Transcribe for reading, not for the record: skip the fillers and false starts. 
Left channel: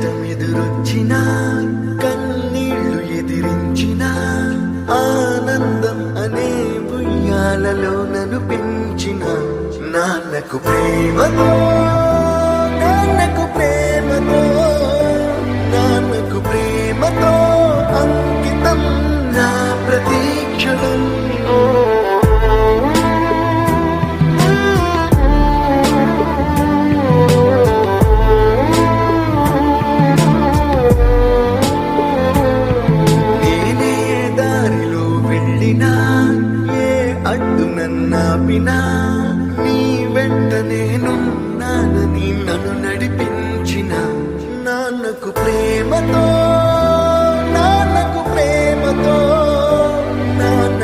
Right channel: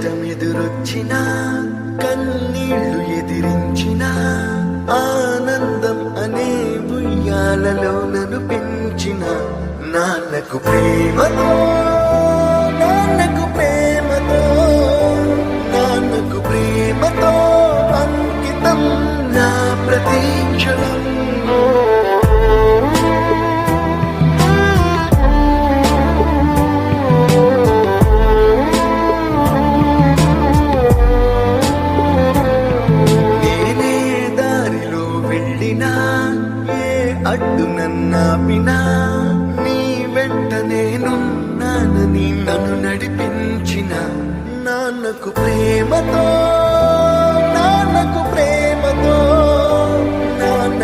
కష్టమెదురొచ్చినా కన్నీళ్లు ఎదిరించినా ఆనందం అనే ఉయ్యాలలో నన్ను పెంచిన నాన్నకు ప్రేమతో నాన్నకు ప్రేమతో నాన్నకు ప్రేమతో అంకితం నా ప్రతీక్షణం. నేనే దారిలో వెళ్ళినా ఏ అడ్డు నన్నాపినా నీ వెంట నేనున్నానని నన్ను నడిపించిన నాన్నకు ప్రేమతో నాన్నకు ప్రేమతో నాన్న